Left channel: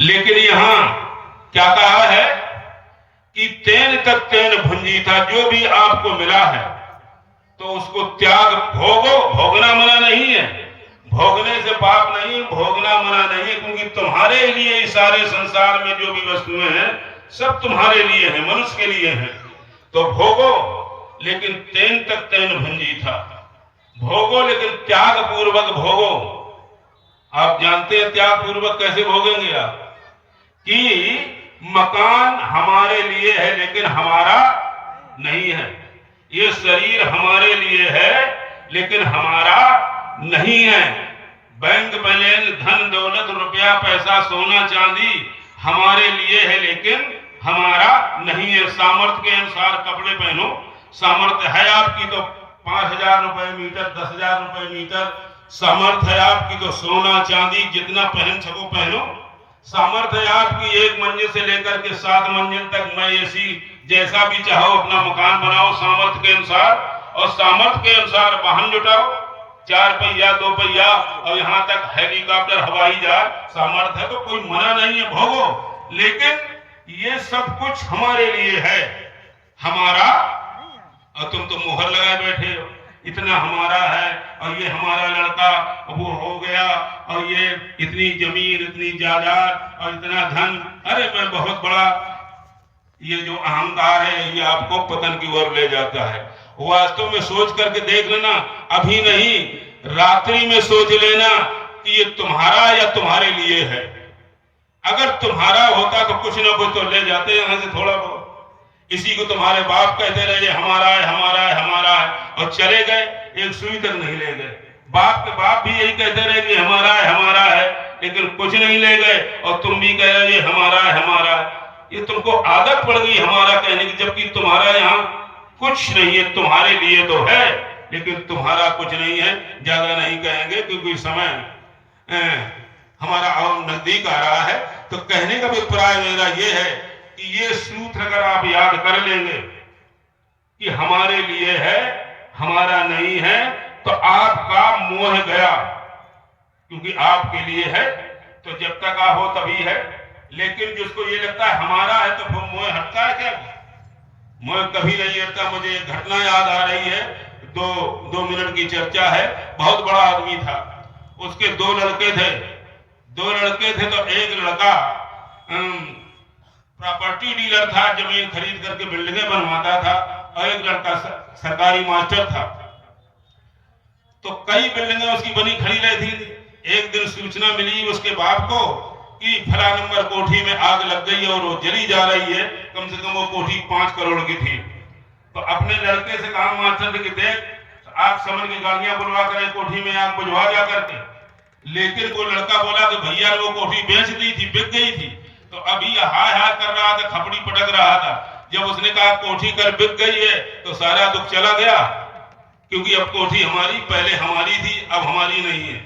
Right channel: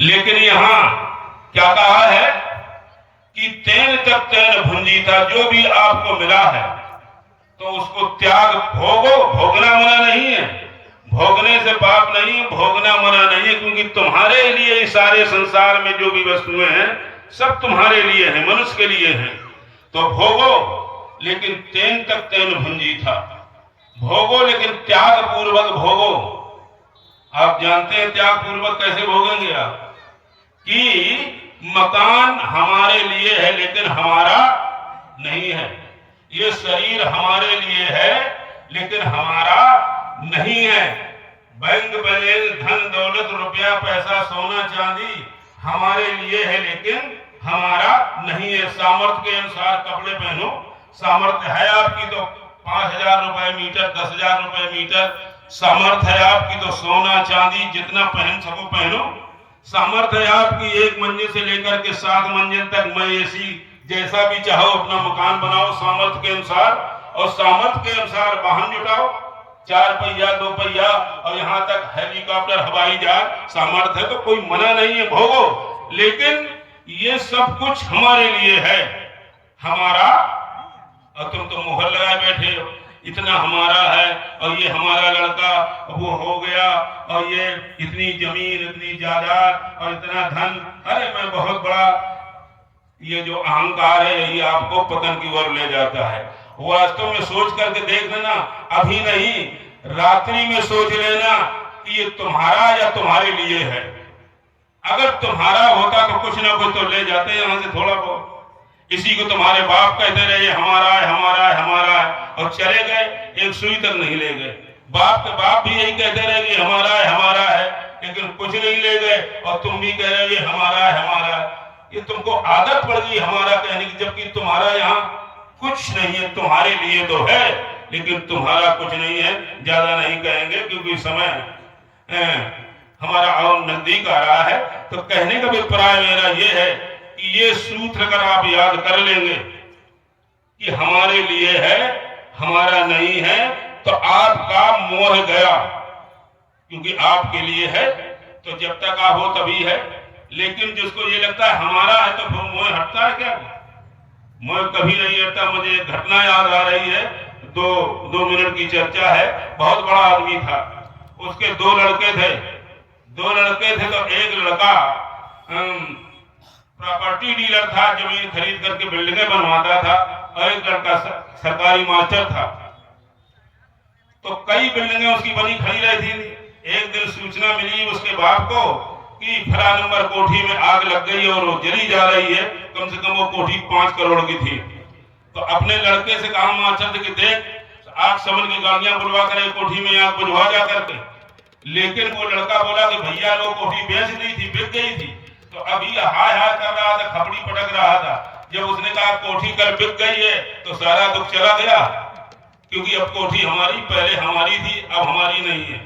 लेकिन यहां क्या कहा है कि तेन तक तेन भुंजीता, जो भी आपको मिला है तो उसको त्याग भोगो। भोगना मना नहीं है, भोगने से पाप नहीं है, भोगना मना नहीं है, क्योंकि तुम्हारे लिए इस सारे संसार में जो भी वस्तुएं हैं सब तुम्हारे लिए हैं, मनुष्य के लिए हैं। तो भोगो, लेकिन तेन तक तेन भुंजीता, भोगो लेकिन त्याग पूर्वक भोगो। आप जानते हैं त्याग पूर्वक कैसे भोगेंगे आप, कि मकान हमारे लिए है लेकिन हमारा नहीं है, ये शरीर हमारे लिए है लेकिन हमारा नहीं है, बैंक बैलेंस, धन दौलत, रुपया पैसा, सोना चांदी हमारे लिए है लेकिन हमारा नहीं है। सामर्थ्य के अनुसार कपड़े पहनो, सामर्थ्य है आपकी तो 5,000 रुपए मीटर, 10,000 रुपए मीटर, सामर्थ्य है आपकी तो सोना चांदी जितना पहन सको पहनो। सामर्थ्य है आपकी 1 मंजिल से लेकर के 7 मंजिल तक मैं एसी जैसा भी चाहो अपना मकान बनाओ सामर्थ्य के अनुसार, और सामर्थ्य के अनुसार वाहन जुटाओ, 4 पहिया 2 पहिया और यहाँ तक हेलीकॉप्टर हवाई जहाज, सामर्थ्य है तो कोई मना नहीं है, भोगो। लेकिन ये सब कुछ हमारे लिए है, हमारा, और तुम तो मुहर लगाए बैठे हो, इतना हमारा है और ये हमारा लड़का वो हो गया और ये इतनी जमीन, इतनी जायदाद और इतना धन, अरे मैं बहुत बड़ा, ये जो अहंकार है ये आपको पतन की ओर ले जाता है। वास्तव में सोच करके देख लेना, अभी नहीं रात्रि में सोच लेना कि ये तुम्हारा या तुम्हारे लिए है। अगर तुम्हारा होता तो कुछ ना कुछ तो ले जाते यहां से थोड़ा बहुत। इसी को तुम्हारे बाप कहते रहे ये हमारा है, हमारा है, हमारा है, और चले गए, एक सुई तक नहीं ले गए। बाप के बाप भी यही कहते रहे कि हमारा है, हमारा है, लेकिन कुछ नहीं ले गए, और तुम भी कह रहे हो ये हमारा है, हमारा है। ये तुमको आदत पड़ गई हमारा कहने की, जबकि तुम्हारा यहाँ कुछ नहीं है, तुम्हारे लिए तो है लेकिन तुम्हारा कुछ नहीं है। ज्यादा नहीं कहेंगे क्योंकि समय हमारा और नजदीक आ रहा है, तो कहने का अभिप्राय मेरा ये है कि ये सूत्र अगर आप याद कर लेंगे कि हमारे लिए है, हमारा नहीं है, तो आपका मोह गया, क्योंकि आपके लिए है तो जब तक आप हो तभी है। लेकिन जिसको ये लगता है हमारा है तो मोह हटता है क्या? मोह कभी नहीं हटता। मुझे एक घटना याद आ रही है, दो मिनट की चर्चा है। बहुत बड़ा आदमी था, उसके 2 लड़के थे। 2 लड़के थे तो एक लड़का प्रॉपर्टी डीलर था, जमीन खरीद करके बिल्डिंगें बनवाता था, और एक लड़का सरकारी मास्टर था। तो कई बिल्डिंगें उसकी बनी खड़ी रही थी। एक दिन सूचना मिली उसके बाप को कि फला नंबर कोठी में आग लग गई और वो जली जा रही है, कम से कम वो कोठी 5 करोड़ की थी। तो अपने लड़के से कहा मास्टर कि देख आग समन की गाड़ियां बुलवा कर कोठी में आग बुझवा जा करके। लेकिन वो लड़का बोला कि भैया ने वो कोठी बेच दी थी, बिक गई थी। तो अभी हाय हाय कर रहा था, खपड़ी पटक रहा था। जब उसने कहा कोठी कल बिक गई है तो सारा दुख चला गया, क्योंकि अब कोठी हमारी, पहले हमारी थी अब हमारी नहीं है।